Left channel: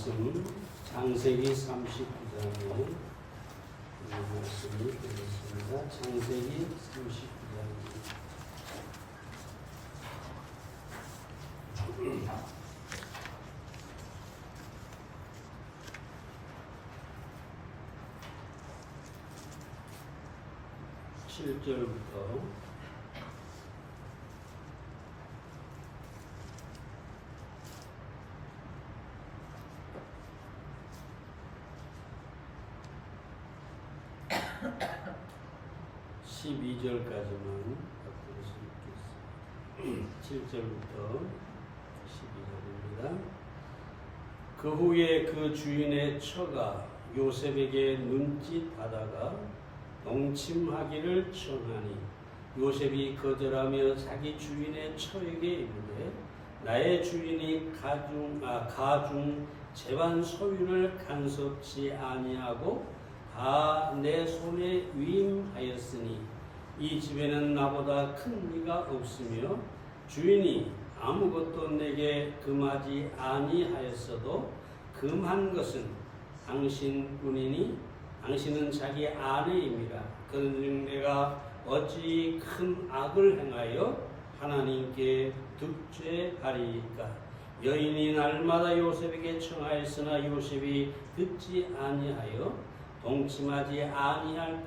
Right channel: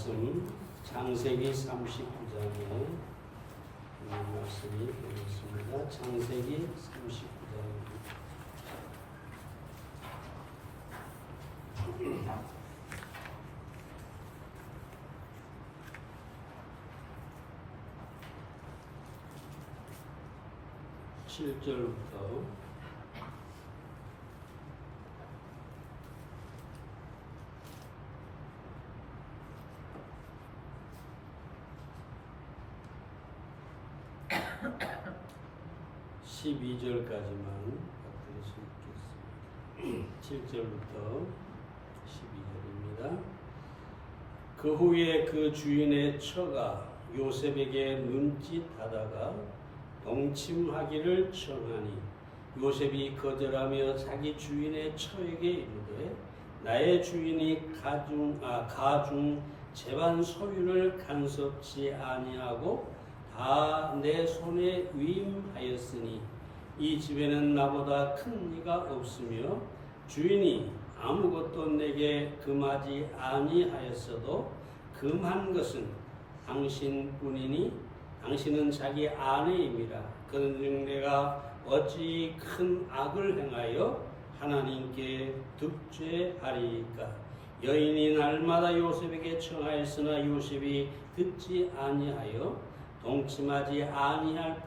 말씀 창세기 39장에 말씀이 되겠습니다. 창세기 39장입니다. 칠 절부터 12절까지만 받들 수 있겠습니다. 7절부터 12절입니다. 그 후에 그 주인의 처가 요셉에게 눈짓하다가 동침하기를 청하니 요셉이 거절하며 자기 주인의 처에게 이르되 나의 주인이 가중 재반 소유를 간섭지 아니하고 다 내 손에 위임하였으니 이 집에는 나보다 큰 이가 없으며 주인이 아무것도 내게 금하지 아니하였어도 금한 것은 당신뿐이니 당신은 자기 아내임이라. 그런즉 내가 어찌 큰 악을 행하여 하나님께 득죄하리이까. 여인이 날마다 요셉에게 청하였으나 요셉이 듣지 아니하여 동침하지 아니할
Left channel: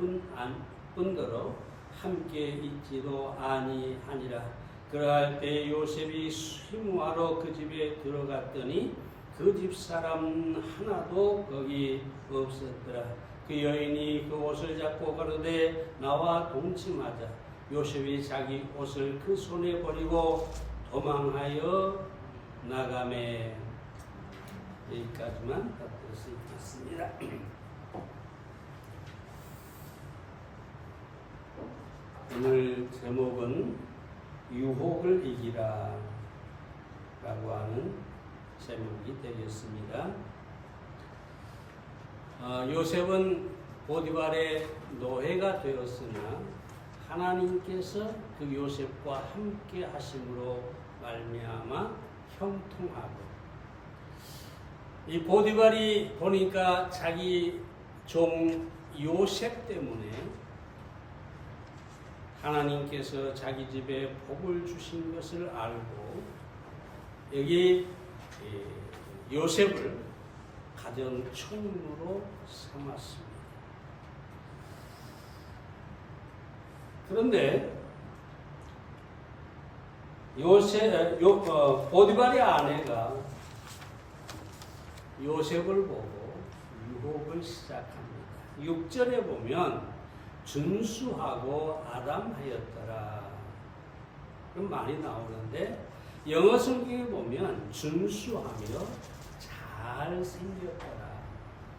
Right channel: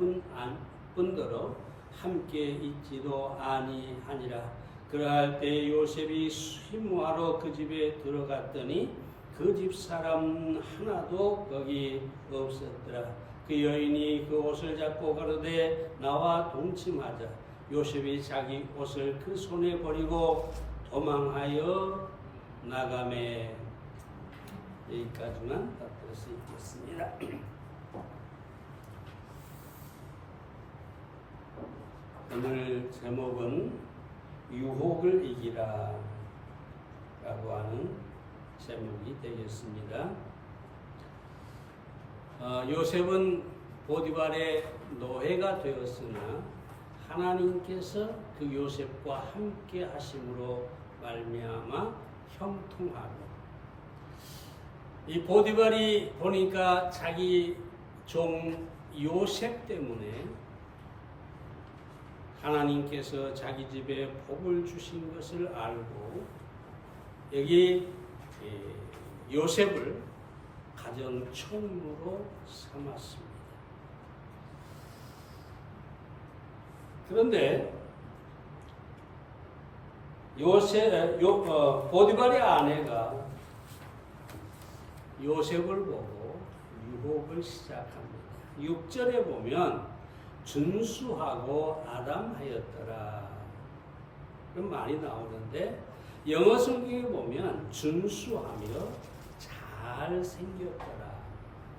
뿐더러 함께 있지도 아니하니라. 그러할 때 요셉이 수임하러 그 집에 들어갔더니 그 집 사람 하나도 거기 없었더라. 그 여인이 그 옷을 잡고 가로되 나와 동침하자. 요셉이 자기 옷을 그 손에 버리고 도망하여 나가매. 여기까지만 받들 수 있겠습니다. 오늘 제목은 유혹을 이기라 라고 하는 제목이 되겠습니다. 요셉은 보디발의 노예가 되었으나 하나님께서 그 요셉과 함께 하심으로 말미암아 형통하고, 이 보디발이 보니까 자기 종 요셉 때문에 하나님께서 자기 집에 복을 주신 것을 알고 여기 요셉을 가정 총무로 삼았습니다. 그런데 보디발의 아내가 요셉을 보고 유혹을 시작합니다. 6절에 보면 준수하고 아담하였더라 그런 말이 나오는데 영어 성경에 보면 준수하며 잘생겼더라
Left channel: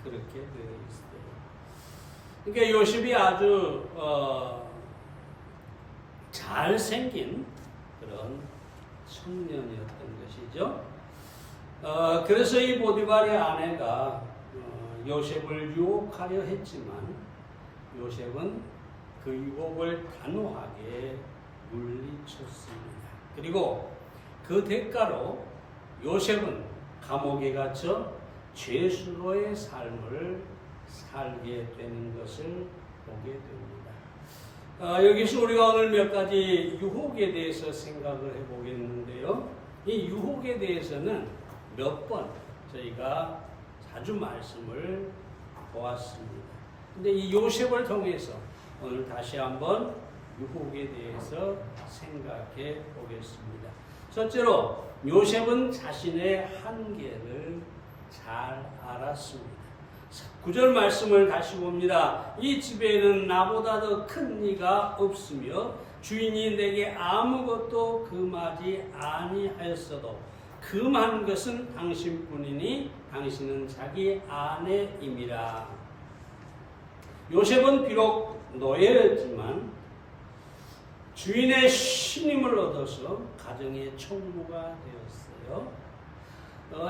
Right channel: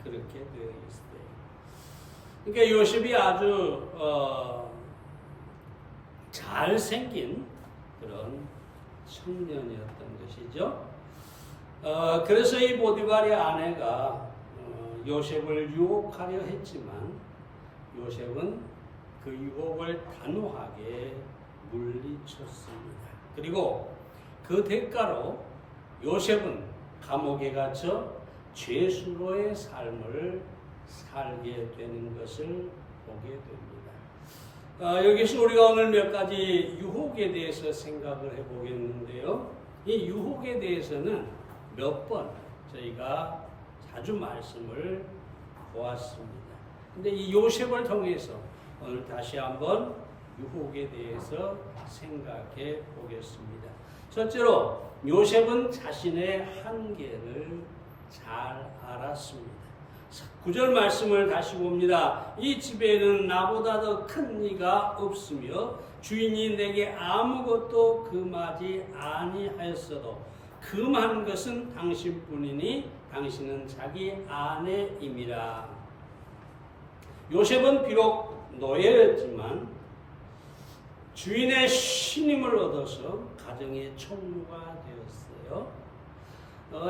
그렇게 되어 있어요. 그러니까 요셉이 아주 잘생긴 그런 청년이었던 것이죠. 그래서 이 보디발의 아내가 요셉을 유혹하려 했지만 요셉은 그 유혹을 단호하게 물리쳤습니다. 그리고 그 대가로 요셉은 감옥에 갇혀 죄수로의 삶을 살게 되는 것을 보게 됩니다. 여기서 우리가 오늘 몇 가지 유혹에 대해서 생각을 해보겠는데요. 이 유혹에 대해서는 몇 번 저희가 자주 말씀을 보았습니다. 근데 이 요셉을 통해서 오늘 다시 한번 유혹에 대해서 생각해 보겠습니다. 첫째로 요셉은 자신의 한계를 잘 알았습니다. 9절 말씀을 다시 봅니다. 이 집에는 나보다 더 큰 이가 없으며 주인이 내게 아무것도 금하지 아니하였어도 금한 것은 당신뿐이니 당신은 자기 아내임이라. 요셉은 비록 노예였지만 주인의 신임을 얻어서 가정의 총무가 되었어요.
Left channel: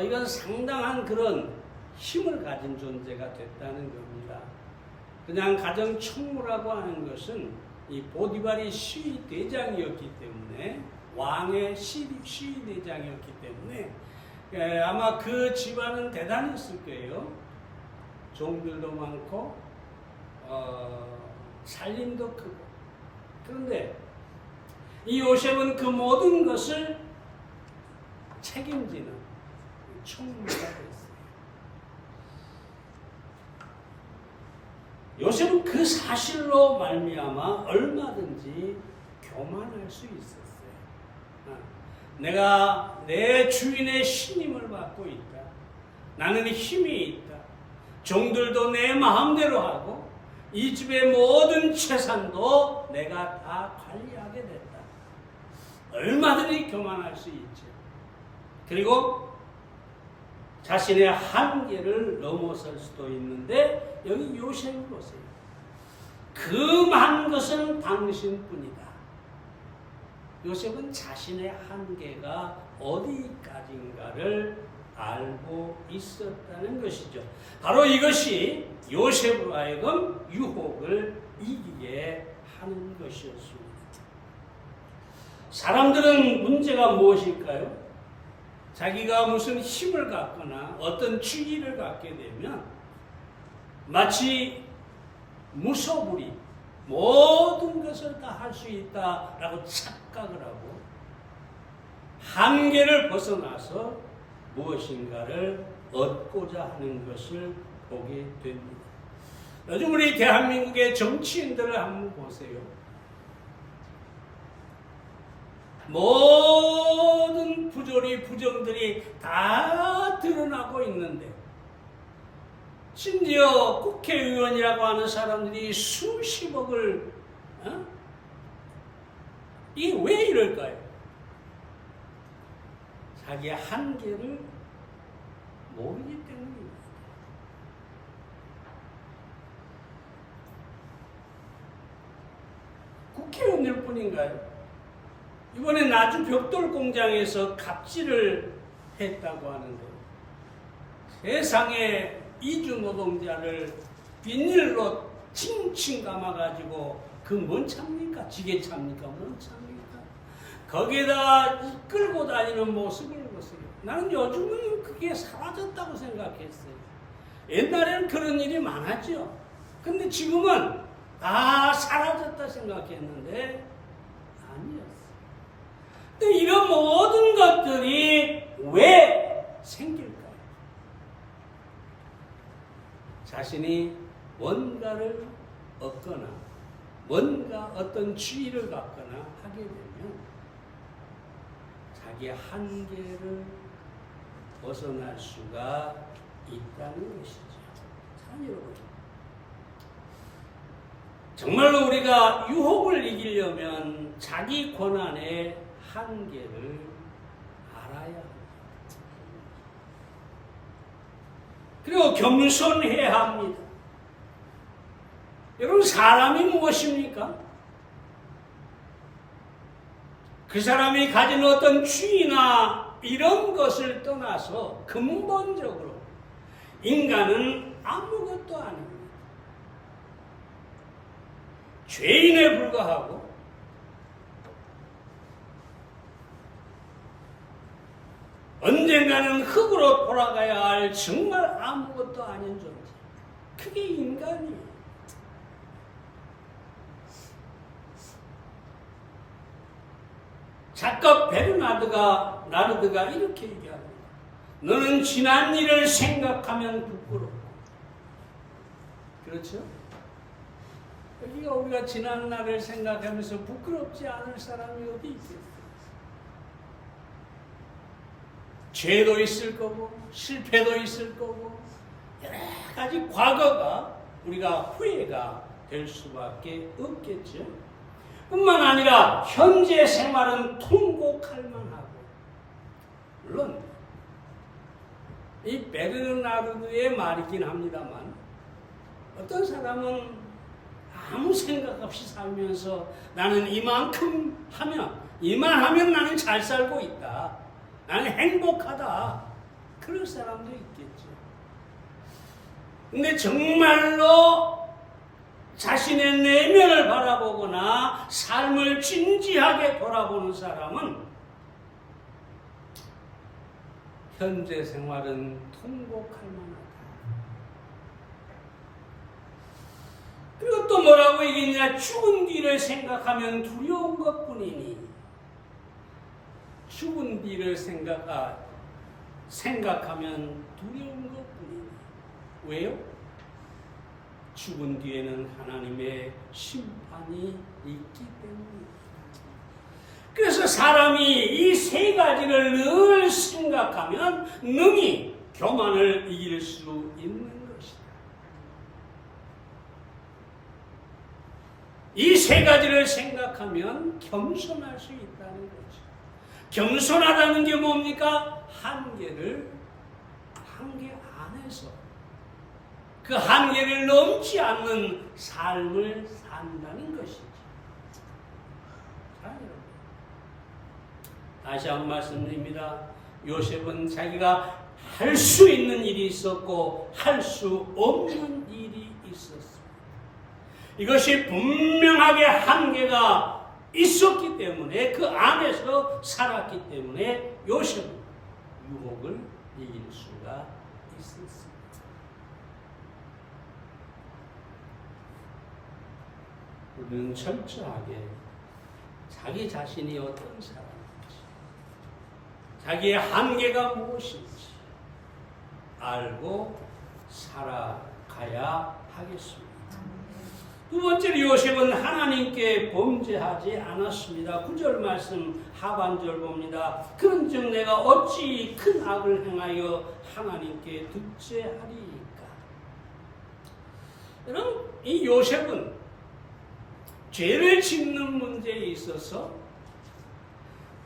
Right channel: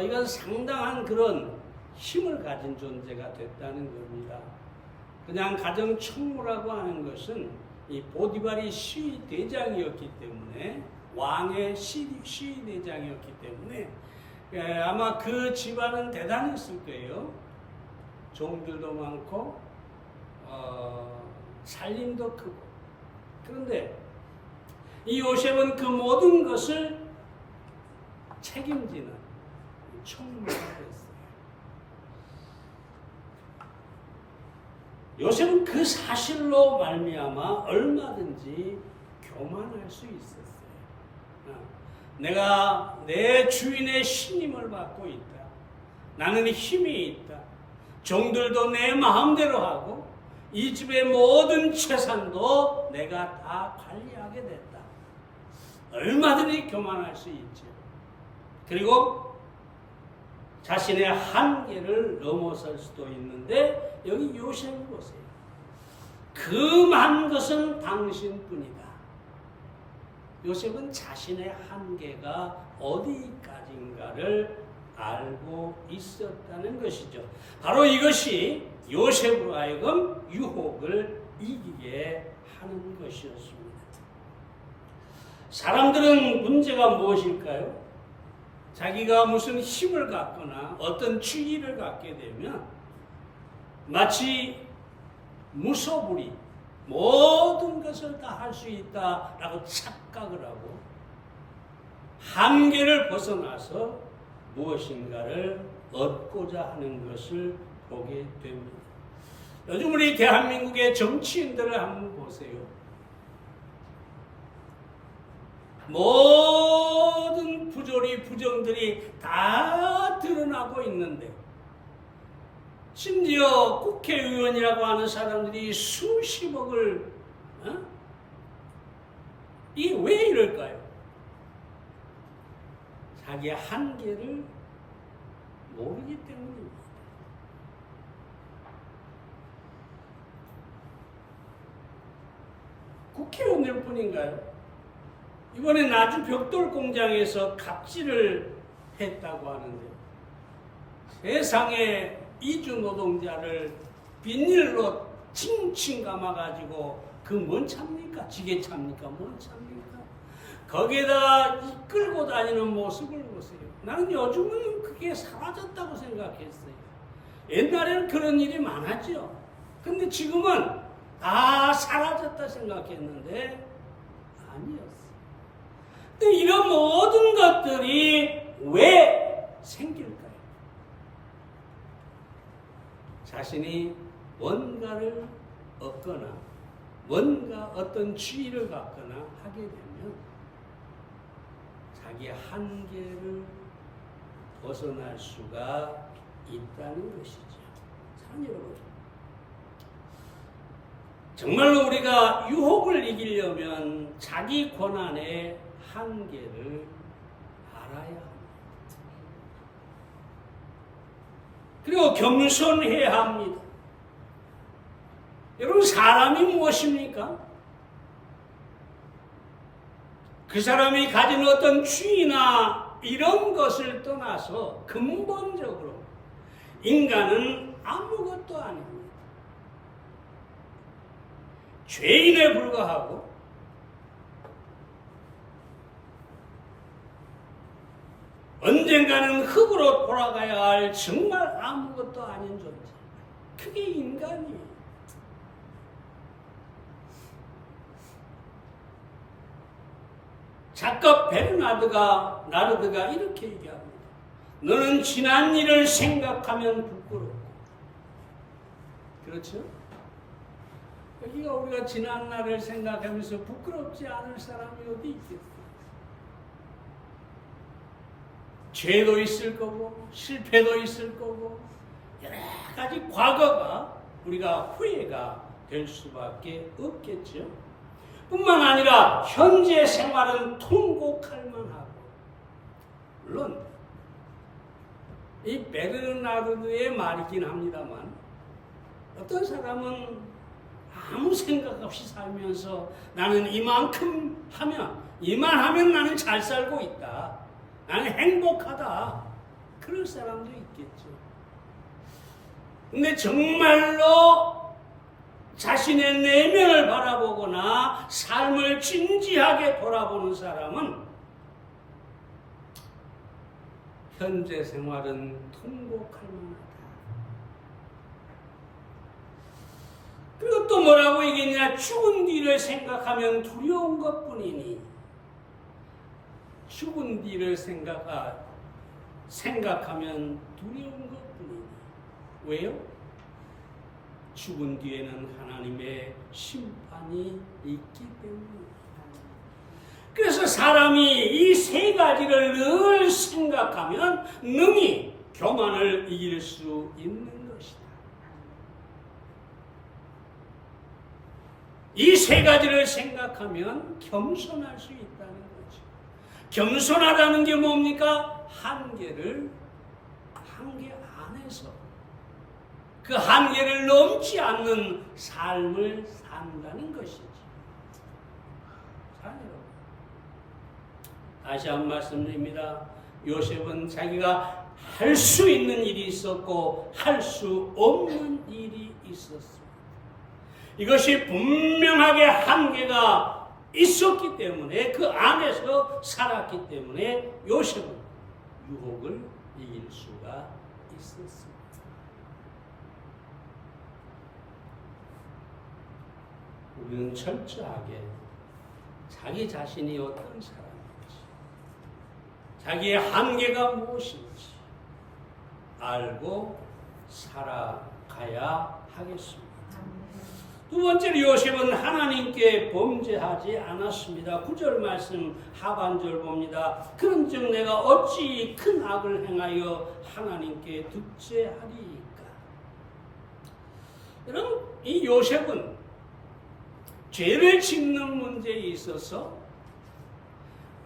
이건 상당한 그런 힘을 가진 존재가 됐다는 겁니다. 그냥 가정 총무라고 하는 것은 이 보디발이 시위대장이었기 때문에 왕의 시위대장이었기 때문에 아마 그 집안은 대단했을 거예요. 종들도 많고 살림도 크고. 그런데 이 요셉은 그 모든 것을 책임지는 총무가 됐어요. 요셉은 그 사실로 말미암아 얼마든지 교만할 수 있었어요. 내가 내 주인의 신임을 받고 있다. 나는 힘이 있다. 종들도 내 마음대로 하고 이 집의 모든 재산도 내가 다 관리하게 됐다. 얼마든지 교만할 수 있죠. 그리고 자신의 한계를 넘어설 수도 있는데 여기 요셉을 보세요. 그 많은 것은 당신뿐이다. 요셉은 자신의 한계가 어디까지인가를 알고 있었다는 것이죠. 바로 이것이 요셉으로 하여금 유혹을 이기게 하는 것이었습니다. 사람들은 문제가 무엇일까요? 자기가 무슨 힘을 갖거나 어떤 주의를 갖게 되면 마치 무소불위 모든 것을 다 할 수 있다라고 착각을 하고 한계를 벗어나서 무엇인가를 얻고자 하는 것을 보게 됩니다. 요즘 우리 대한민국의 정치인들을 한번 보세요. 모든 부조리, 부정들이 다 드러나고 있는데 심지어 국회의원이라고 하는 사람들이 수십억을 이게 왜 이럴까요? 자기의 한계를 모르기 때문입니다. 국회의원들 뿐인가요? 이번에 나주 벽돌 공장에서 갑질을 했다고 하는데 세상에 이주 노동자를 비닐로 칭칭 감아가지고 그 뭔 차입니까? 지게차입니까? 뭔 차입니까? 거기에다 끌고 다니는 모습을 보세요. 나는 요즘은 그게 사라졌다고 생각했어요. 옛날에는 그런 일이 많았죠. 근데 지금은 다 사라졌다 생각했는데 아니었어요. 근데 이런 모든 것들이 왜 생길까요? 자신이 뭔가를 얻거나 뭔가 어떤 지위를 갖거나 하게 되면 자기의 한계를 벗어날 수가 있다는 것이죠. 참 여러분, 정말로 우리가 유혹을 이기려면 자기 권한의 한계를 알아야 합니다. 그리고 겸손해야 합니다. 여러분, 사람이 무엇입니까? 그 사람이 가진 어떤 주의나 이런 것을 떠나서 근본적으로 인간은 아무것도 아닙니다. 죄인에 불과하고 언젠가는 흙으로 돌아가야 할 정말 아무것도 아닌 존재. 그게 인간이에요. 작가 나르드가 이렇게 얘기합니다. 너는 지난 일을 생각하면 부끄럽고. 그렇죠? 여기가 우리가 지난 날을 생각하면서 부끄럽지 않을 사람이 어디 있겠어요? 죄도 있을 거고 실패도 있을 거고 여러 가지 과거가 우리가 후회가 될 수밖에 없겠죠. 뿐만 아니라 현재 생활은 통곡할 만하고, 물론 이 베르나르드의 말이긴 합니다만 어떤 사람은 아무 생각 없이 살면서 나는 이만큼 하면 이만하면 나는 잘 살고 있다, 나는 행복하다, 그럴 사람도 있겠죠. 근데 정말로 자신의 내면을 바라보거나 삶을 진지하게 돌아보는 사람은 현재 생활은 통곡할 만하다. 그리고 또 뭐라고 얘기했냐? 죽은 뒤를 생각하면 두려운 것뿐이니, 죽은 뒤를 생각하면 두려운 것뿐이니. 왜요? 죽은 뒤에는 하나님의 심판이 있기 때문입니다. 그래서 사람이 이 세 가지를 늘 생각하면 능히 교만을 이길 수 있는 것이다. 이 세 가지를 생각하면 겸손할 수 있다는 거죠. 겸손하다는 게 뭡니까? 한계 안에서 그 한계를 넘지 않는 삶을 산다는 것이지. 자, 여러분, 다시 한번 말씀드립니다. 요셉은 자기가 할 수 있는 일이 있었고 할 수 없는 일이 있었습니다. 이것이 분명하게 한계가 있었기 때문에, 그 안에서 살았기 때문에 요셉은 유혹을 이길 수가 있었습니다. 우리는 철저하게 자기 자신이 어떤 사람인지, 자기의 한계가 무엇인지 알고 살아가야 하겠습니다. 두 번째로 요셉은 하나님께 범죄하지 않았습니다. 9절 말씀 하반절 봅니다. 그런즉 내가 어찌 큰 악을 행하여 하나님께 득죄하리이까. 여러분, 이 요셉은 죄를 짓는 문제에 있어서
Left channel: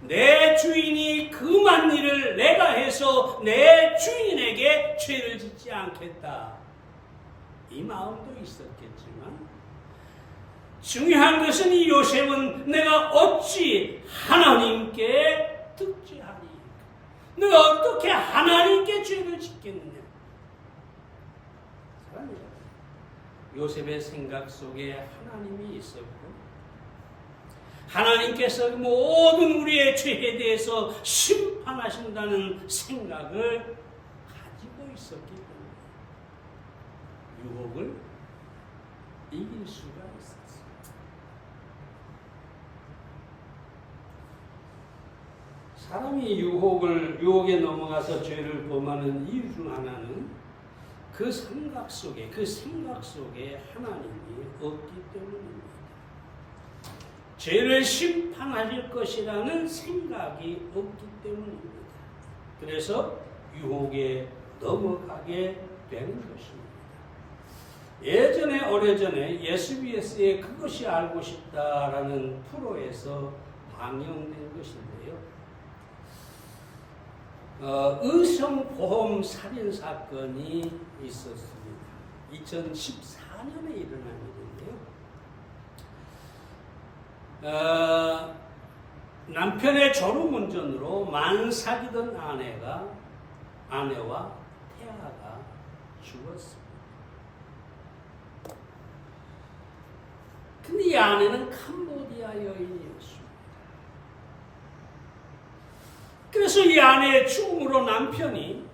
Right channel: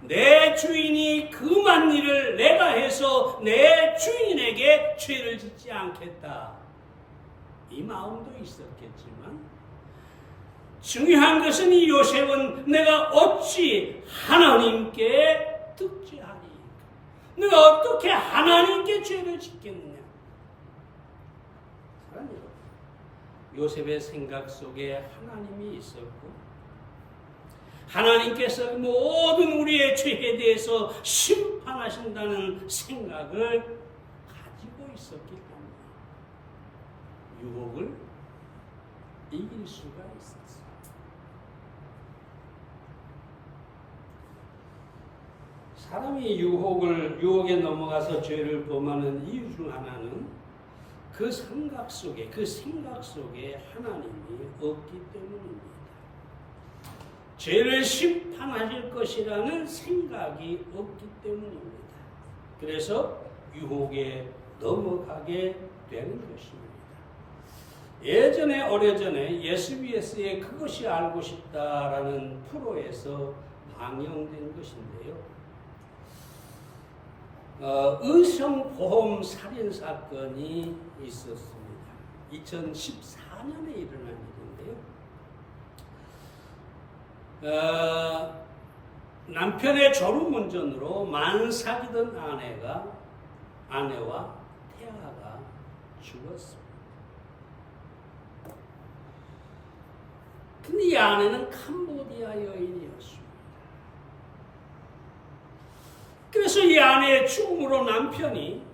내 주인이 금한 일을 내가 해서 내 주인에게 죄를 짓지 않겠다, 이 마음도 있었겠지만, 중요한 것은 이 요셉은 내가 어찌 하나님께 득죄하리이까, 내가 어떻게 하나님께 죄를 짓겠느냐. 요셉의 생각 속에 하나님이 있었고, 하나님께서 모든 우리의 죄에 대해서 심판하신다는 생각을 가지고 있었기 때문에 유혹을 이길 수가 있었습니다. 사람이 유혹에 넘어가서 죄를 범하는 이유 중 하나는 그 생각 속에 하나님이 없기 때문입니다. 죄를 심판하실 것이라는 생각이 없기 때문입니다. 그래서 유혹에 넘어가게 되는 것입니다. 오래전에 SBS의 그것이 알고 싶다라는 프로에서 방영된 것인데요. 의성보험 살인사건이 있었습니다. 2014년에 일어난 일인데요. 남편의 졸음운전으로 만삭이던 아내와 태아가 죽었습니다. 근데 이 아내는 캄보디아 여인이었습니다. 그래서 이 아내의 죽음으로 남편이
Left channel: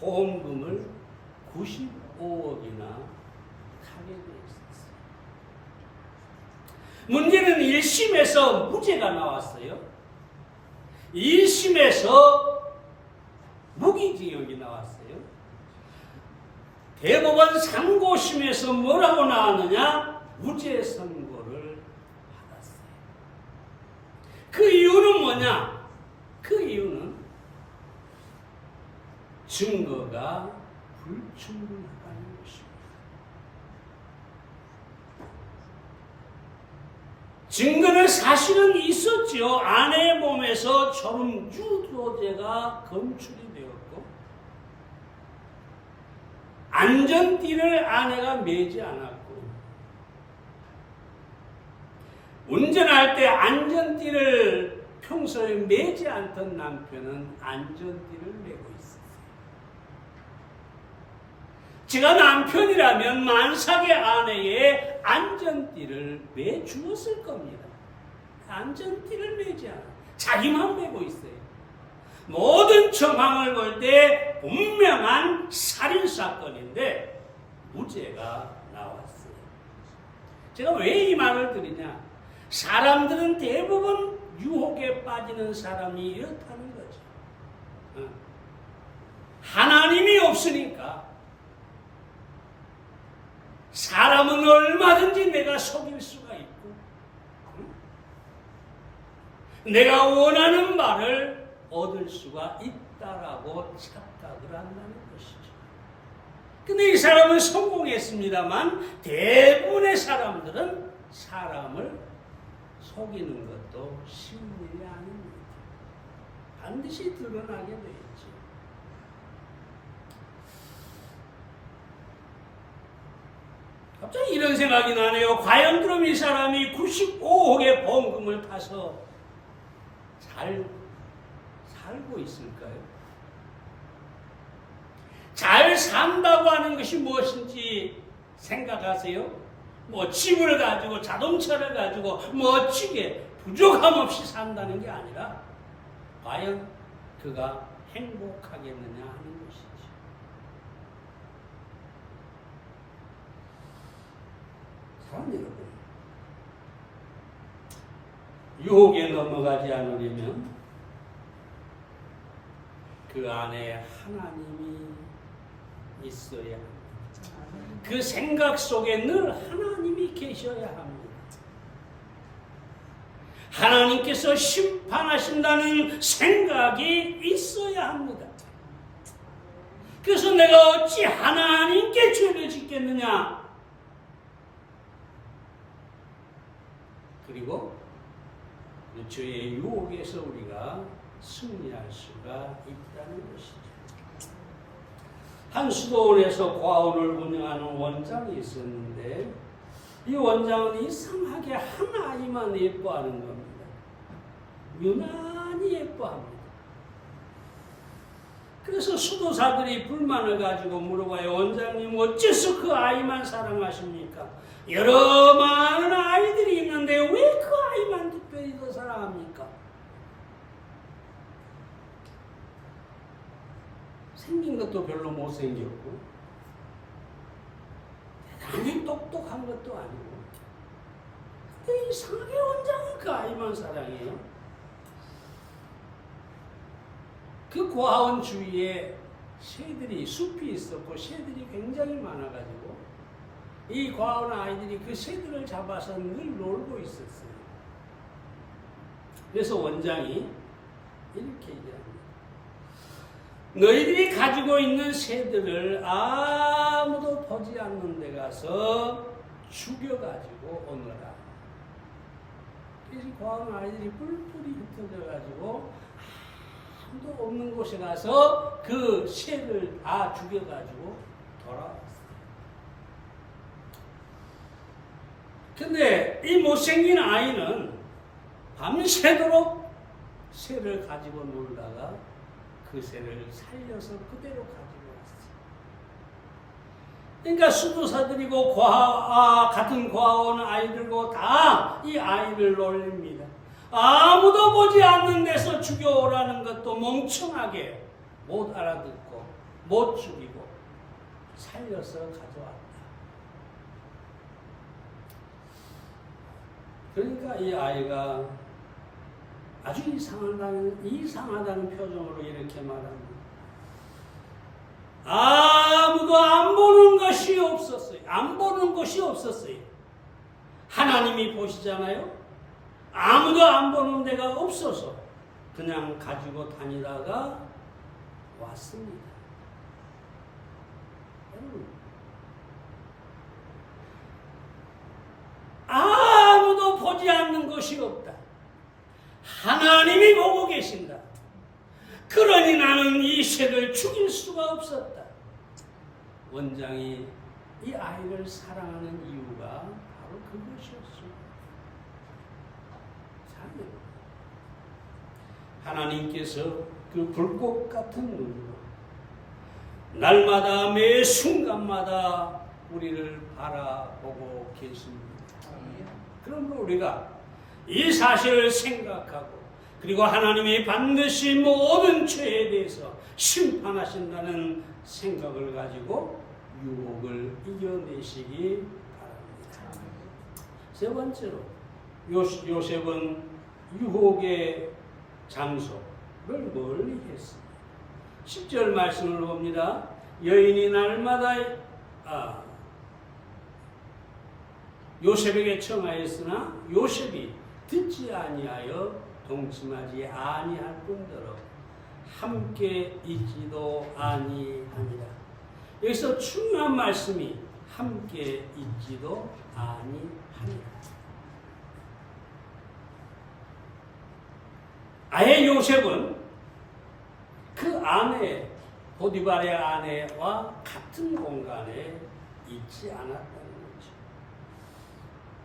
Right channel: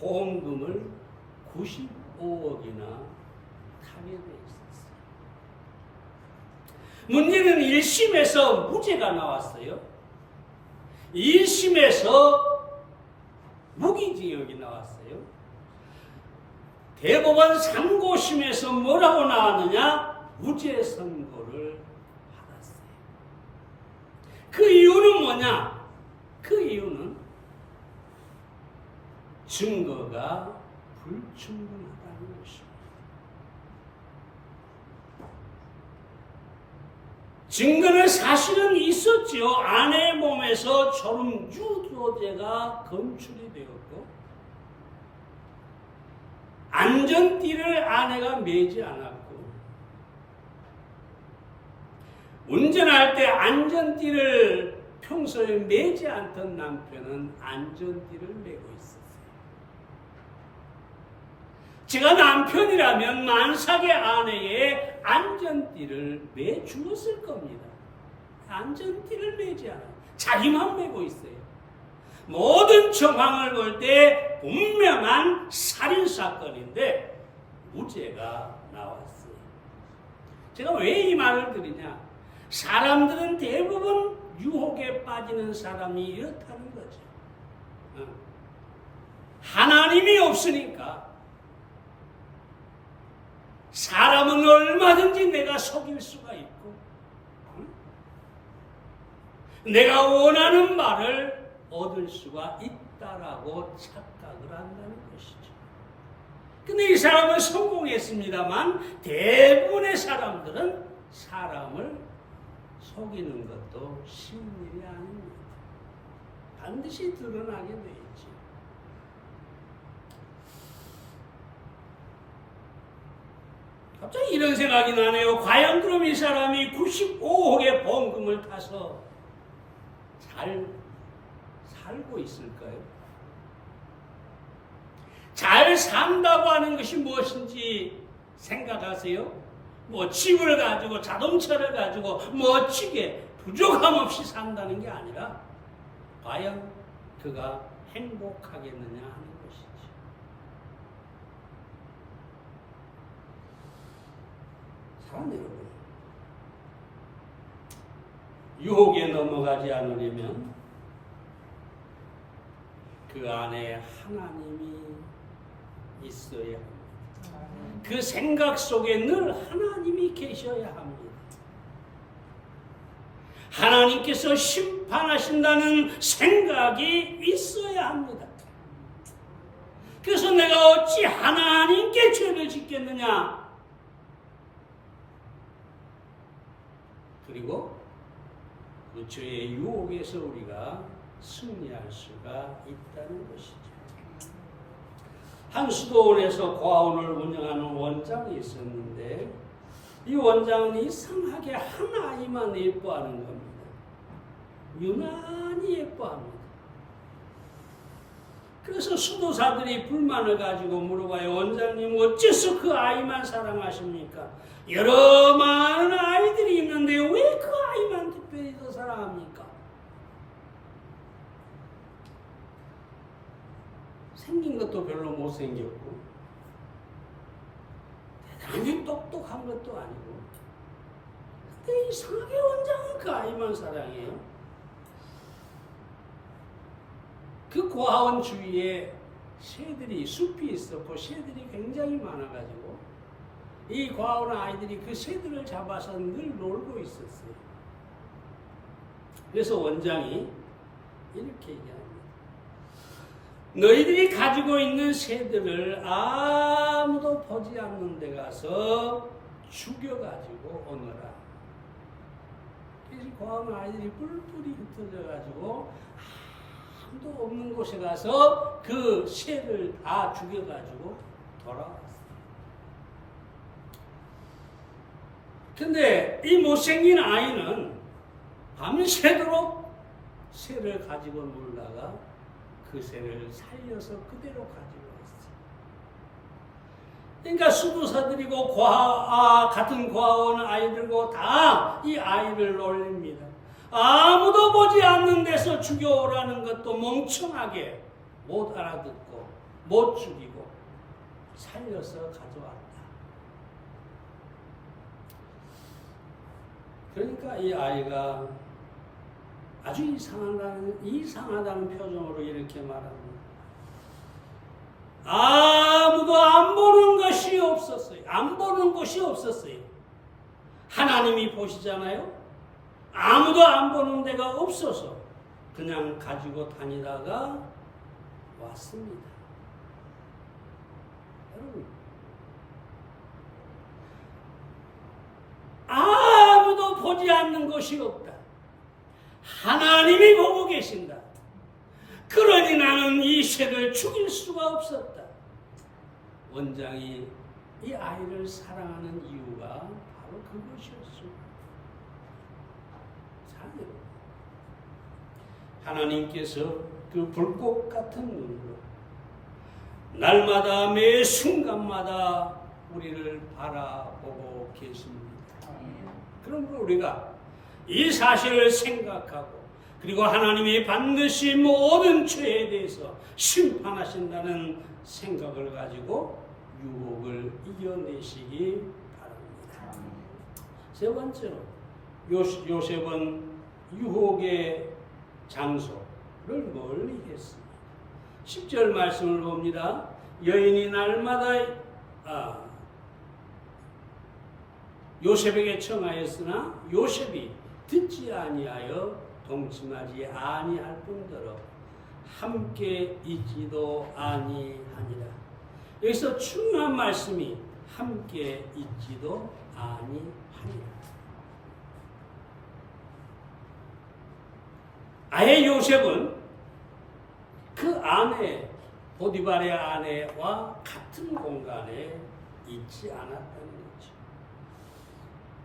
보험금을 95억이나 타게 돼 있었어요. 문제는 1심에서 무죄가 나왔어요. 1심에서 무기징역이 나왔어요. 대법원 상고심에서 뭐라고 나왔느냐? 무죄 선고를 받았어요. 그 이유는 뭐냐? 그 이유는 증거가 불충분하다는 것입니다. 증거는 사실은 있었지요. 아내의 몸에서 졸음 유도제가 검출이 되었고, 안전띠를 아내가 매지 않았고, 운전할 때 안전띠를 평소에 매지 않던 남편은 안전띠를 매고 있었어요. 제가 남편이라면 만삭의 아내의 안전띠를 매 주었을 겁니다. 안전띠를 매지 않아요. 자기만 매고 있어요. 모든 정황을 볼 때 분명한 살인사건인데 무죄가 나왔어요. 제가 왜 이 말을 드리냐? 사람들은 대부분 유혹에 빠지는 사람이 이렇다는 거죠. 하나님이 없으니까 사람은 얼마든지 내가 속일 수가 있고 내가 원하는 바를 얻을 수가 있다라고 착각을 한다는 것이죠. 근데 이 사람은 성공했습니다만 대부분의 사람들은 사람을 속이는 것도 쉬운 일이 아닙니다. 반드시 드러나게 돼 있지. 갑자기 이런 생각이 나네요. 과연 그럼 이 사람이 95억의 보험금을 타서 잘 살고 있을까요? 잘 산다고 하는 것이 무엇인지 생각하세요? 뭐 집을 가지고 자동차를 가지고 멋지게 부족함 없이 산다는 게 아니라 과연 그가 행복하겠느냐 하는 것이지. 사랑 여러분, 유혹에 넘어가지 않으려면 그 안에 하나님이 있어야 합니다. 그 생각 속에 늘 하나님이 계셔야 합니다. 하나님께서 심판하신다는 생각이 있어야 합니다. 그래서 내가 어찌 하나님께 죄를 짓겠느냐? 그리고 그 죄의 유혹에서 우리가 승리할 수가 있다는 것이죠. 한 수도원에서 고아원을 운영하는 원장이 있었는데 이 원장은 이상하게 한 아이만 예뻐하는 겁니다. 유난히 예뻐합니다. 그래서 수도사들이 불만을 가지고 물어봐요. 원장님 어째서 그 아이만 사랑하십니까? 여러 많은 아이들이 있는데 왜 그 아이만 특별히 더 사랑합니까? 생긴 것도 별로 못생겼고 대단히 똑똑한 것도 아니고 근데 이상하게 원장은 그 아이만 사랑해요. 그 고아원 주위에 새들이 숲이 있었고 새들이 굉장히 많아가지고 이 고아원 아이들이 그 새들을 잡아서 늘 놀고 있었어요. 그래서 원장이 이렇게 얘기합니다. 너희들이 가지고 있는 새들을 아무도 보지 않는 데 가서 죽여가지고 오너라. 그래서 고아원 아이들이 뿔뿔이 흩어져가지고 아무도 없는 곳에 가서 그 새를 다 죽여가지고 돌아왔어요. 근데 이 못생긴 아이는 밤새도록 새를 가지고 놀다가 그 새를 살려서 그대로 가지고 왔어요. 그러니까 수도사들이고 같은 고아원 아이들고 다 이 아이를 놀립니다. 아무도 보지 않는 데서 죽여오라는 것도 멍청하게 못 알아듣고 못 죽이고 살려서 가져왔다. 그러니까 이 아이가 아주 이상하다는 표정으로 이렇게 말합니다. 아무도 안 보는 것이 없었어요. 안 보는 것이 없었어요. 하나님이 보시잖아요. 아무도 안 보는 데가 없어서 그냥 가지고 다니다가 왔습니다. 여러분, 아무도 보지 않는 것이 없다. 하나님이 보고 계신다. 그러니 나는 이 새를 죽일 수가 없었다. 원장이 이 아이를 사랑하는 이유가 바로 그것이었습니다. 하나님께서 그 불꽃 같은 눈으로 날마다 매 순간마다 우리를 바라보고 계십니다. 그러므로 우리가 이 사실을 생각하고 그리고 하나님이 반드시 모든 죄에 대해서 심판하신다는 생각을 가지고 유혹을 이겨내시기 바랍니다. 세 번째로 요셉은 유혹의 장소를 멀리 했습니다. 10절 말씀을 봅니다. 여인이 날마다 요셉에게 청하였으나 요셉이 듣지 아니하여 동침하지 아니할 뿐더러 함께 있지도 아니하니라. 여기서 중요한 말씀이 함께 있지도 아니하니라. 아예 요셉은 그 아내 보디발의 아내와 같은 공간에 있지 않았다는 거죠.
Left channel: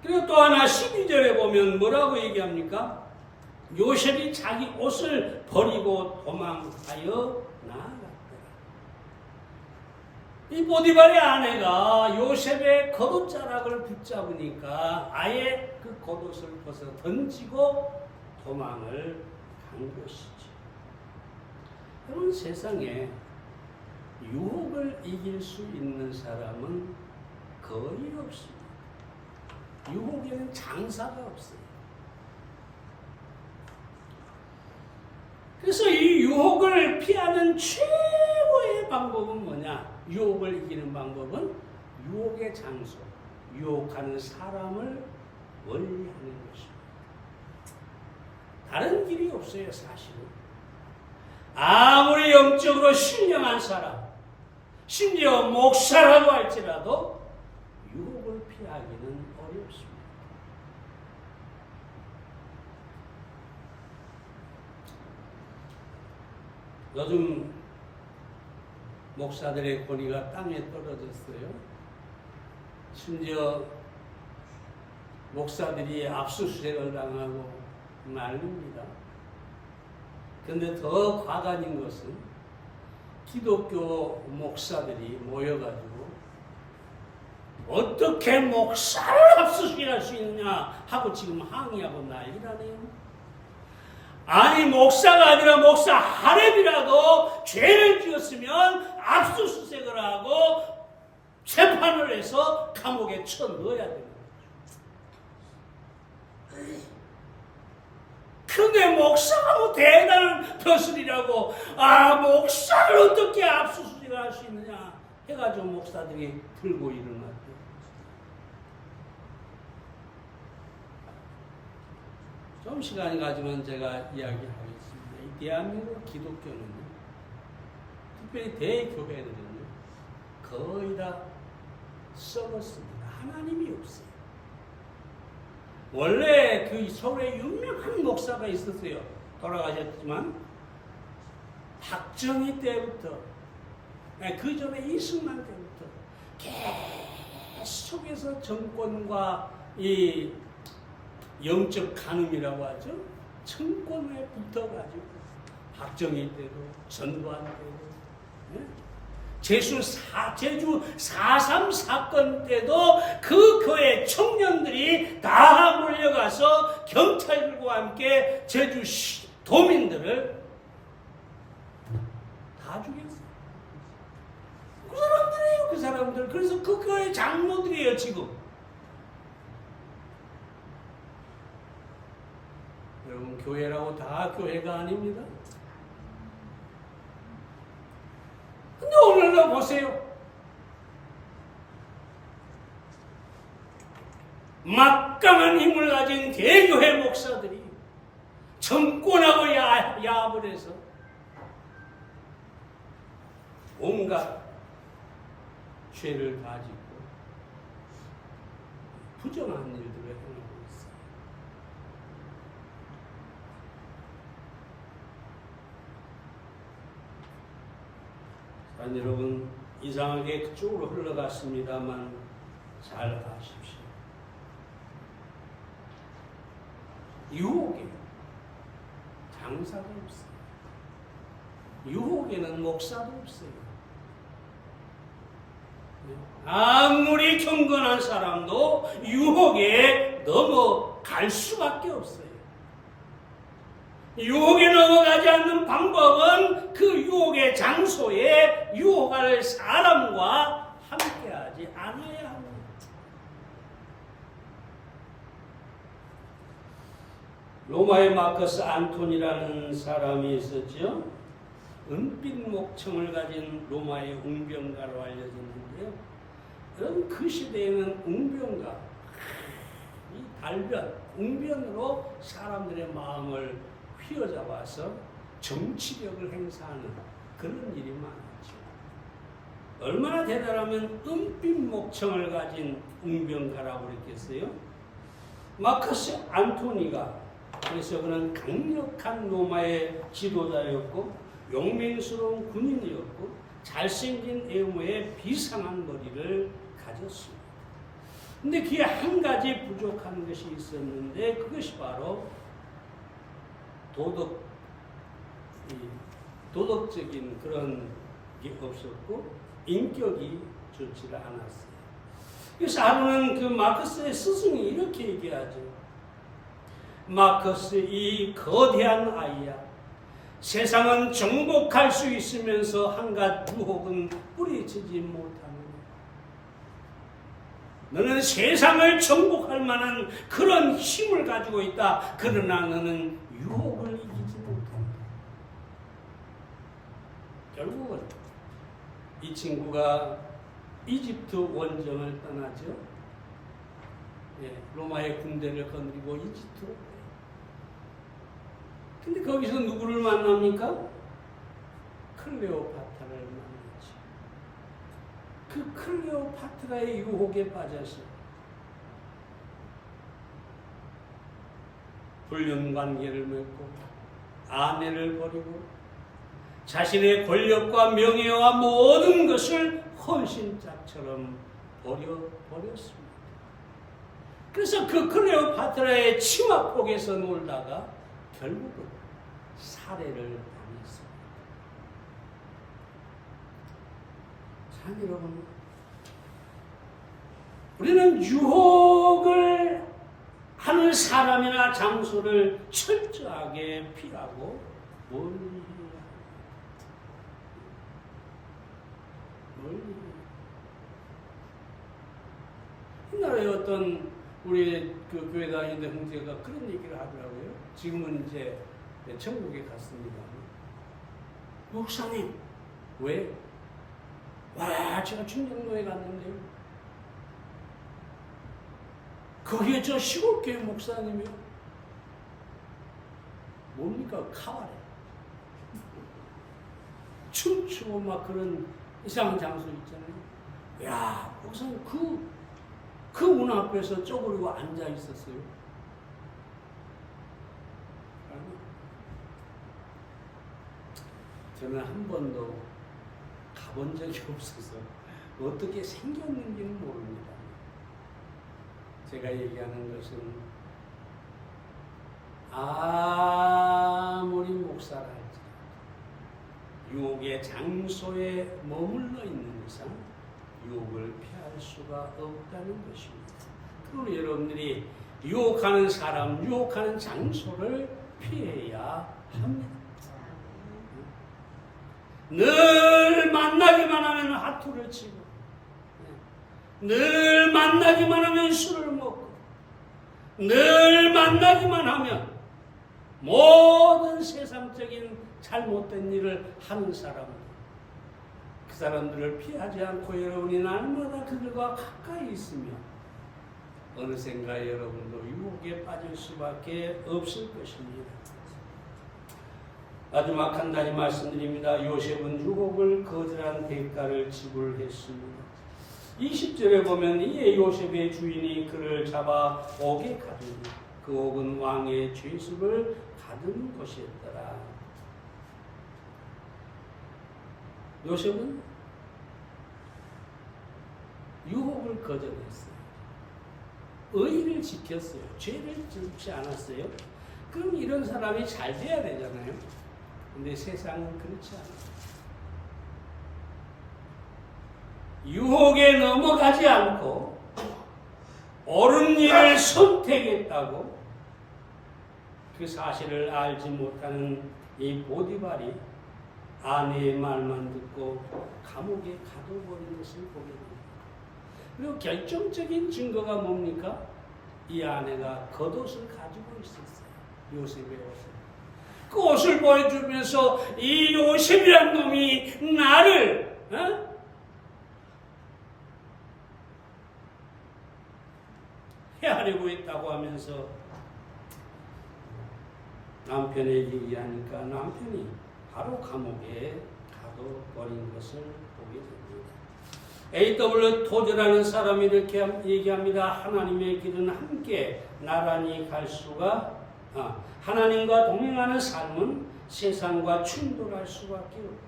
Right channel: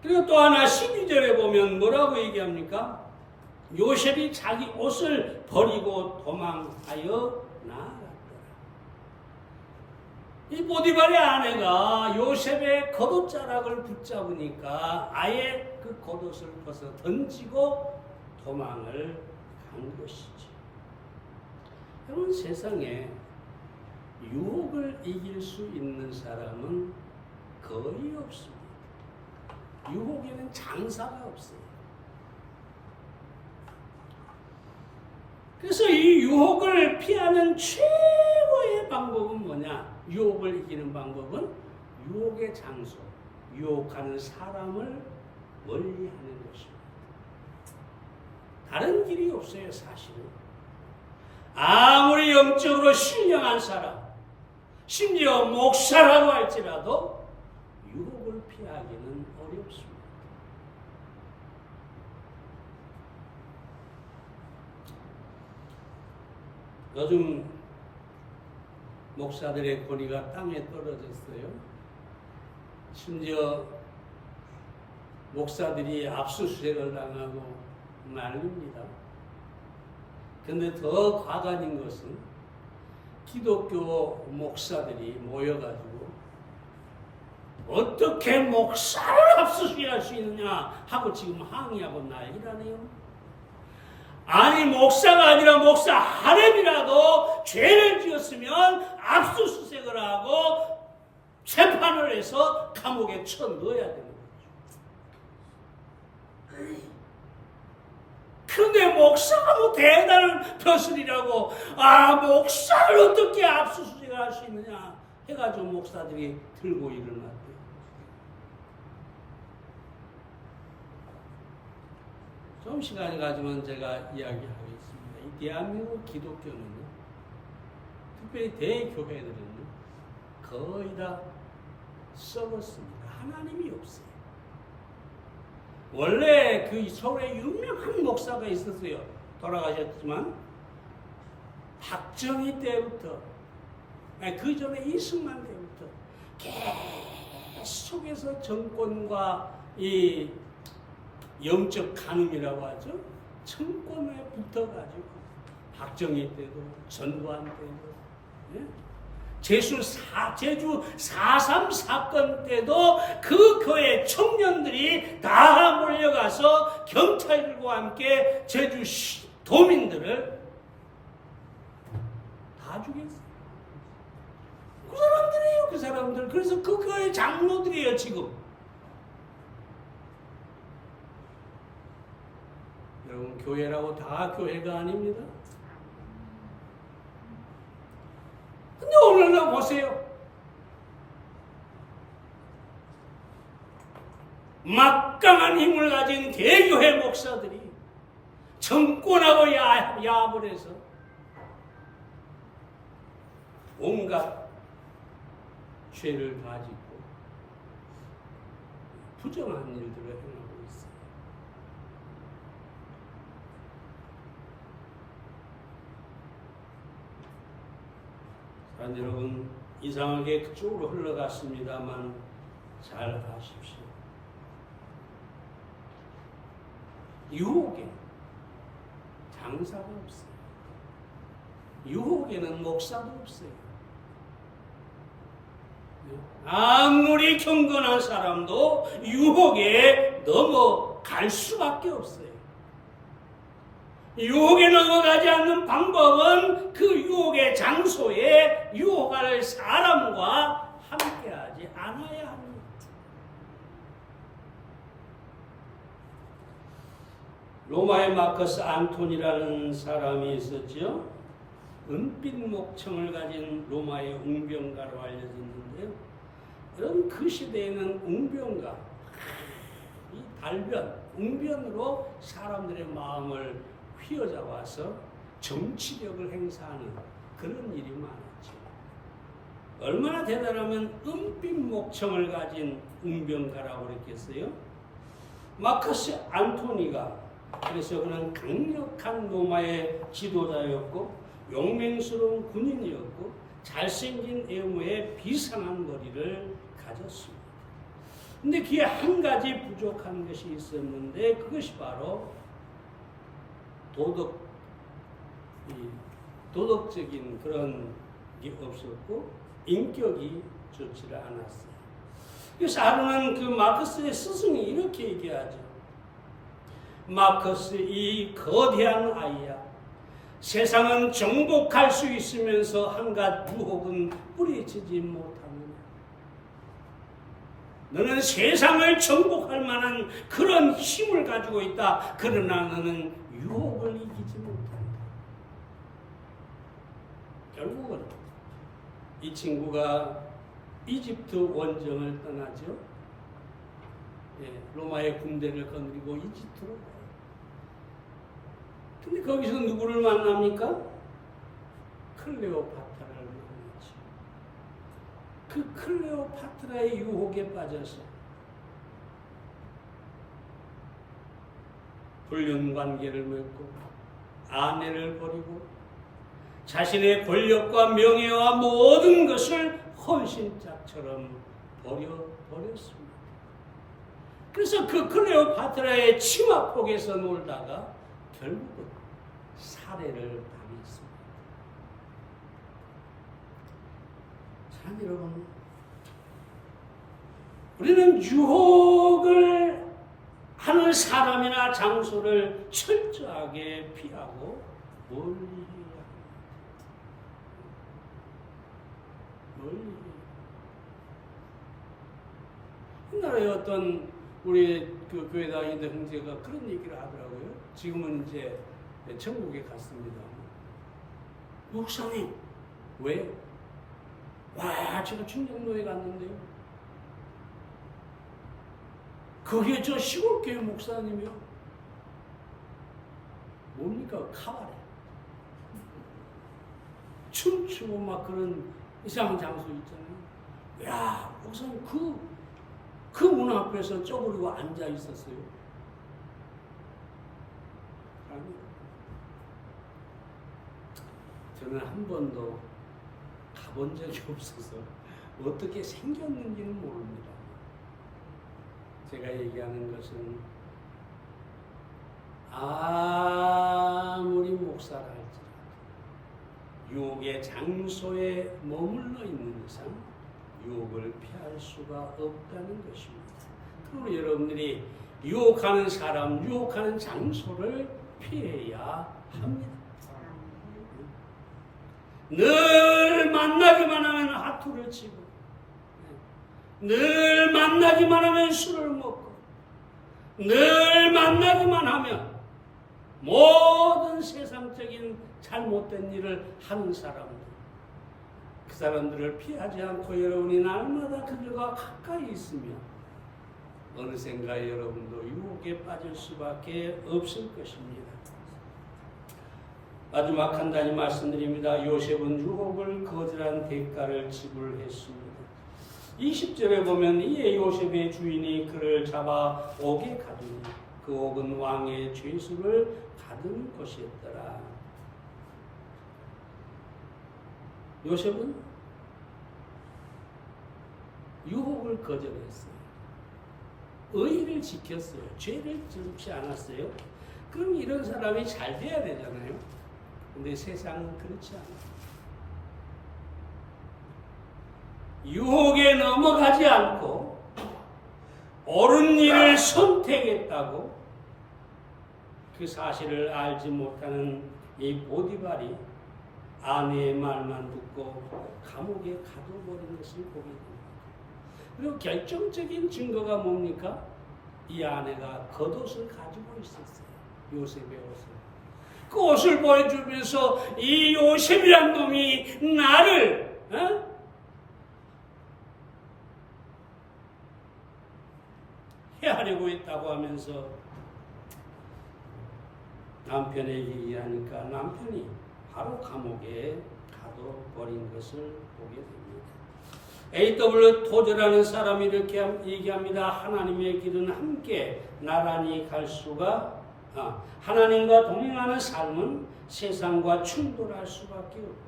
그리고 또 하나 12절에 보면 뭐라고 얘기합니까? 요셉이 자기 옷을 버리고 도망하여 나아갔더라. 이 보디발의 아내가 요셉의 겉옷자락을 붙잡으니까 아예 그 겉옷을 벗어 던지고 도망을 간 것이죠. 여러분, 세상에 유혹을 이길 수 있는 사람은 거의 없습니다. 유혹에는 장사가 없어요. 그래서 이 유혹을 피하는 최고의 방법은 뭐냐? 유혹을 이기는 방법은 유혹의 장소, 유혹하는 사람을 멀리하는 것입니다. 다른 길이 없어요, 사실은. 아무리 영적으로 신령한 사람, 심지어 목사라고 할지라도 유혹을 피하기는 어렵습니다. 요즘 목사들의 권위가 땅에 떨어졌어요. 심지어 목사들이 압수수색을 당하고 난립니다. 그런데 더 과간인 것은 기독교 목사들이 모여가지고 어떻게 목사를 압수수색할 수 있느냐 하고 지금 항의하고 난리라네요. 아니, 목사가 아니라 목사 하랩이라도 죄를 지었으면 압수수색을 하고 재판을 해서 감옥에 쳐넣어야 되는 거죠. 그런데 목사가 뭐 대단한 벼슬이라고 목사를 어떻게 압수수색을 할 수 있느냐 해가지고 목사들이 들고 일어났대요. 좀 시간이 가지면 제가 이야기하겠습니다. 이 대한민국 기독교는요, 특별히 대교회들은요, 거의 다 썩었습니다. 하나님이 없어요. 원래 그 서울에 유명한 목사가 있었어요. 돌아가셨지만 박정희 때부터, 그 전에 이승만 때부터 계속해서 정권과 이 영적 간음이라고 하죠. 정권에 붙어가지고 박정희 때도 전두환 때도 제주 4.3 사건 때도 그 교회 청년들이 다 몰려가서 경찰들과 함께 제주 도민들을 다 죽였어요. 그 사람들이에요, 그 사람들. 그래서 그 교회 장로들이에요, 지금. 여러분, 교회라고 다 교회가 아닙니다. 근데 오늘날 보세요. 막강한 힘을 가진 대교회 목사들이 정권하고 야합을 해서 온갖 죄를 다 짓고 부정한 일들을 행하고 있어요. 여러분, 이상하게 그쪽으로 흘러갔습니다만 잘 아십시오. 유혹에 장사가 없어요. 유혹에는 목사도 없어요. 아무리 경건한 사람도 유혹에 넘어갈 수밖에 없어요. 유혹에 넘어가지 않는 방법은 그 유혹의 장소에 유혹할 사람과 함께하지 않아야 합니다. 로마의 마커스 안토니라는 사람이 있었죠. 은빛 목청을 가진 로마의 웅변가로 알려졌는데요. 그런 그 시대에는 웅변가, 이 달변, 웅변으로 사람들의 마음을 휘어잡아서 정치력을 행사하는 그런 일이 많았죠. 얼마나 대단하면 은빛 목청을 가진 웅변가라고 그랬겠어요? 마커스 안토니가 그래서 그는 강력한 로마의 지도자였고 용맹스러운 군인이었고 잘생긴 외모에 비상한 머리를 가졌습니다. 근데 그에 한 가지 부족한 것이 있었는데 그것이 바로 도덕적인 그런 게 없었고 인격이 좋지를 않았어요. 그래서 하루는 그 마커스의 스승이 이렇게 얘기하죠. 마커스, 이 거대한 아이야. 세상은 정복할 수 있으면서 한갓 유혹은 뿌리치지 못합니다. 너는 세상을 정복할 만한 그런 힘을 가지고 있다. 그러나 너는 유혹을 이기지 못한다. 결국은 이 친구가 이집트 원정을 떠나죠. 로마의 군대를 거느리고 이집트로 가요. 근데 거기서 누구를 만납니까? 클레오파트라를 만나죠. 그 클레오파트라의 유혹에 빠져서 불륜 관계를 맺고 아내를 버리고 자신의 권력과 명예와 모든 것을 헌신짝처럼 버렸습니다. 그래서 그 클레오파트라의 치마폭에서 놀다가 결국은 살해를 당했습니다. 자, 여러분, 우리는 유혹을 하는 사람이나 장소를 철저하게 피하고 멀리 해야 합니다. 옛날에 어떤 우리 그 교회 다니는 형제가 그런 얘기를 하더라고요. 지금은 이제 천국에 갔습니다. 목사님, 왜? 와, 제가 충정로에 갔는데요. 거기에 저 시골교회 목사님이요. 뭡니까? 카바레. 춤추고 막 그런 이상한 장소 있잖아요. 야, 목사님 그 문 앞에서 쪼그리고 앉아 있었어요. 저는 한 번도 가본 적이 없어서 어떻게 생겼는지는 모릅니다. 제가 얘기하는 것은 아무리 목사라 할지라도 유혹의 장소에 머물러 있는 이상 유혹을 피할 수가 없다는 것입니다. 그러므로 여러분들이 유혹하는 사람, 유혹하는 장소를 피해야 합니다. 늘 만나기만 하면 하투를 치고, 늘 만나기만 하면 술을 먹고, 늘 만나기만 하면 모든 세상적인 잘못된 일을 하는 사람들, 그 사람들을 피하지 않고 여러분이 날마다 그들과 가까이 있으면 어느샌가 여러분도 유혹에 빠질 수밖에 없을 것입니다. 마지막 한 가지 말씀드립니다. 요셉은 유혹을 거절한 대가를 지불했습니다. 20절에 보면 이에 요셉의 주인이 그를 잡아 옥에 가두니 그 옥은 왕의 죄수를 가두는 곳이었더라. 요셉은 유혹을 거절했어요. 의의를 지켰어요. 죄를 짓지 않았어요. 그럼 이런 사람이 잘 돼야 되잖아요. 근데 세상은 그렇지 않아요. 유혹에 넘어가지 않고 옳은 일을 선택했다고 그 사실을 알지 못하는 이 보디발이 아내의 말만 듣고 감옥에 가둬버린 것을 보게 됩니다. 그리고 결정적인 증거가 뭡니까? 이 아내가 겉옷을 가지고 있었어요. 요셉의 옷을. 그 옷을 보여주면서 이 요셉이란 놈이 나를 해하려고 했다고 하면서 남편에게 얘기하니까 남편이 바로 감옥에 가둬버린 것을 보게 됩니다. A.W. 토저라는 사람이 이렇게 얘기합니다. 하나님의 길은 함께 나란히 갈 수가 하나님과 동행하는 삶은 세상과 충돌할 수밖에 없다.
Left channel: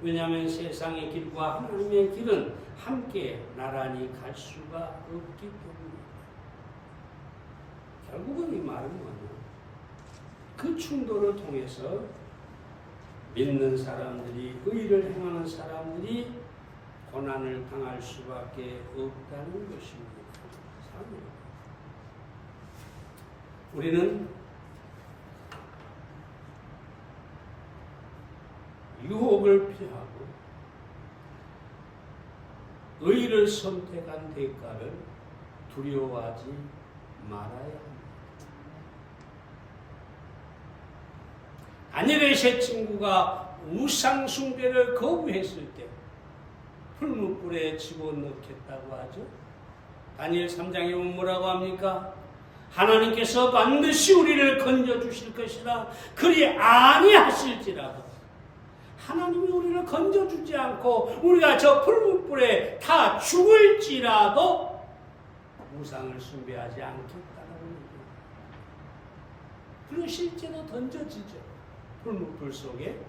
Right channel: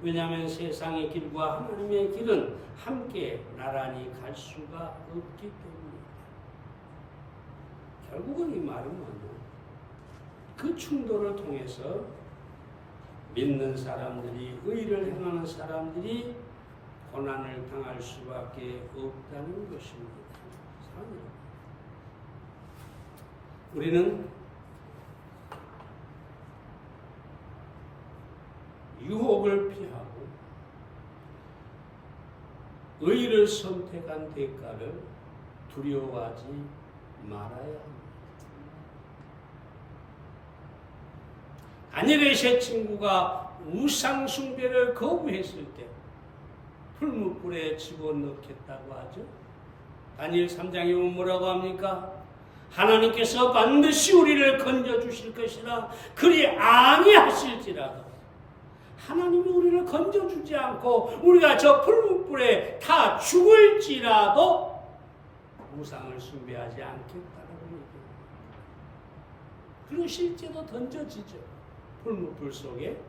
왜냐하면 세상의 길과 하나님의 길은 함께 나란히 갈 수가 없기 때문이다. 결국은 이 말은 뭐냐? 그 충돌을 통해서 믿는 사람들이, 의를 행하는 사람들이 고난을 당할 수밖에 없다는 것입니다. 우리는 유혹을 피하고 의를 선택한 대가를 두려워하지 말아야 합니다. 다니엘의 세 친구가 우상 숭배를 거부했을 때 풀무불에 집어넣겠다고 하죠. 다니엘 3장에 보면 뭐라고 합니까? 하나님께서 반드시 우리를 건져주실 것이라. 그리 아니하실지라도 하나님이 우리를 건져주지 않고 우리가 저 풀무불에 다 죽을지라도 우상을 숭배하지 않겠다라고 얘기합니다. 그리고 실제로 던져지죠. 풀무불 속에.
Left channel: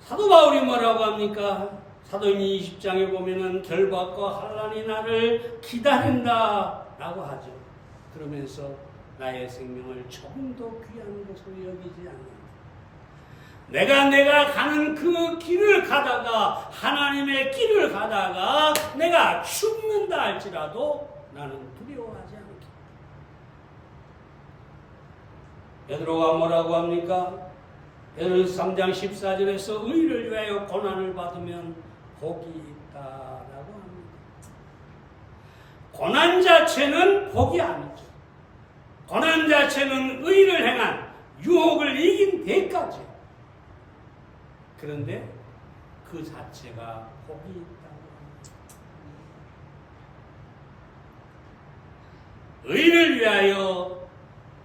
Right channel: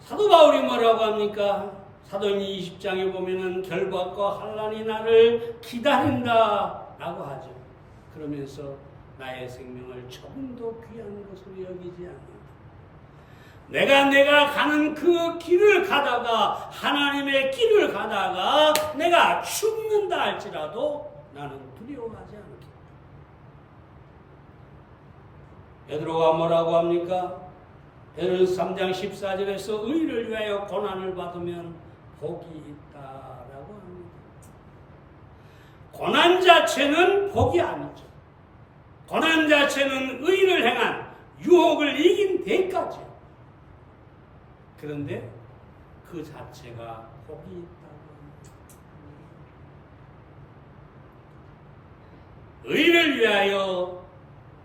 사도 바울이 뭐라고 합니까? 사도행전 20장에 보면은 결박과 환난이 나를 기다린다 라고 하죠. 그러면서 나의 생명을 조금도 귀한 것으로 여기지 않는다. 내가 가는 그 길을 가다가, 하나님의 길을 가다가 내가 죽는다 할지라도 나는 두려워하지 않겠다. 베드로가 뭐라고 합니까? 베드로서 3장 14절에서 의를 위하여 고난을 받으면 복이 있다라고 합니다. 고난 자체는 복이 아니죠. 고난 자체는 의를 행한, 유혹을 이긴 대가죠. 그런데 그 자체가 복이 있다고 합니다. 의를 위하여,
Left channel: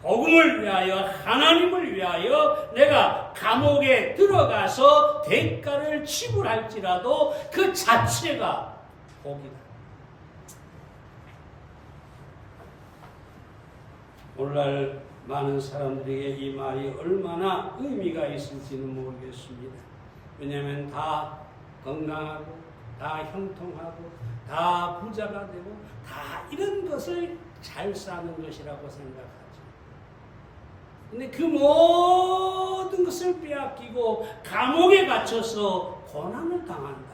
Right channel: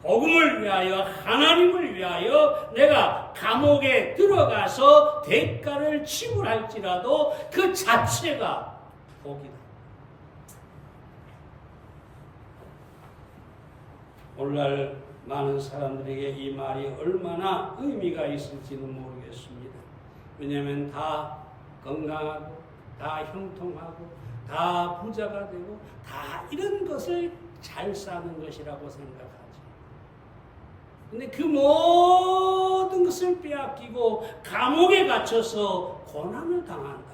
복음을 위하여, 하나님을 위하여 내가 감옥에 들어가서 대가를 지불할지라도 그 자체가 복이다. 오늘날 많은 사람들에게 이 말이 얼마나 의미가 있을지는 모르겠습니다. 왜냐하면 다 건강하고, 다 형통하고, 다 부자가 되고, 다 이런 것을 잘 사는 것이라고 생각하죠. 근데 그 모든 것을 빼앗기고 감옥에 갇혀서 고난을 당한다.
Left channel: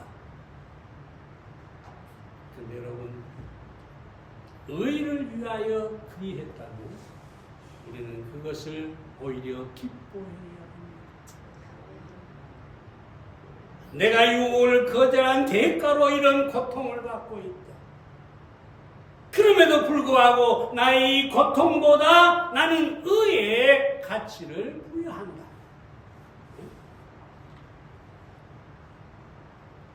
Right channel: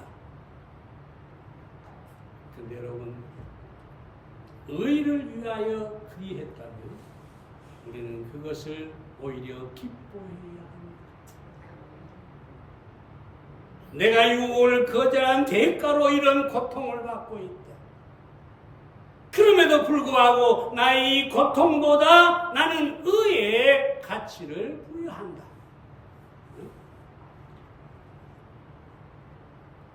근데 여러분, 의를 위하여 그리했다면 우리는 그것을 오히려 기뻐해야 합니다. 내가 유혹을 거절한 대가로 이런 고통을 받고 있다. 그럼에도 불구하고 나의 이 고통보다 나는 의의 가치를 부여한다.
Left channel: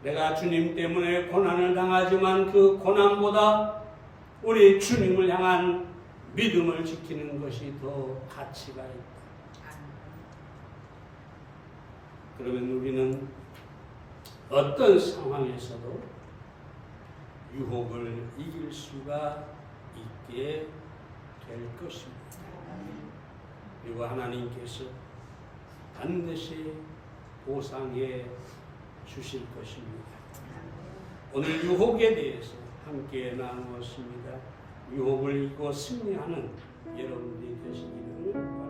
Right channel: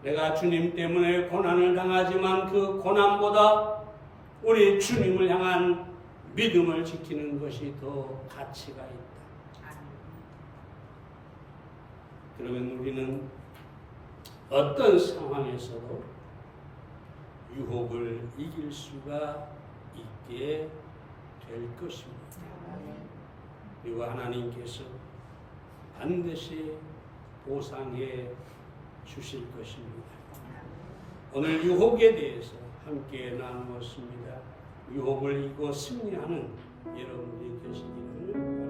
내가 주님 때문에 고난을 당하지만 그 고난보다 우리 주님을 향한 믿음을 지키는 것이 더 가치가 있다. 그러면 우리는 어떤 상황에서도 유혹을 이길 수가 있게 될 것입니다. 그리고 하나님께서 반드시 보상해 주실 것입니다. 오늘 유혹에 대해서 함께 나누었습니다. 유혹을 이기고 승리하는 여러분들이 되시기를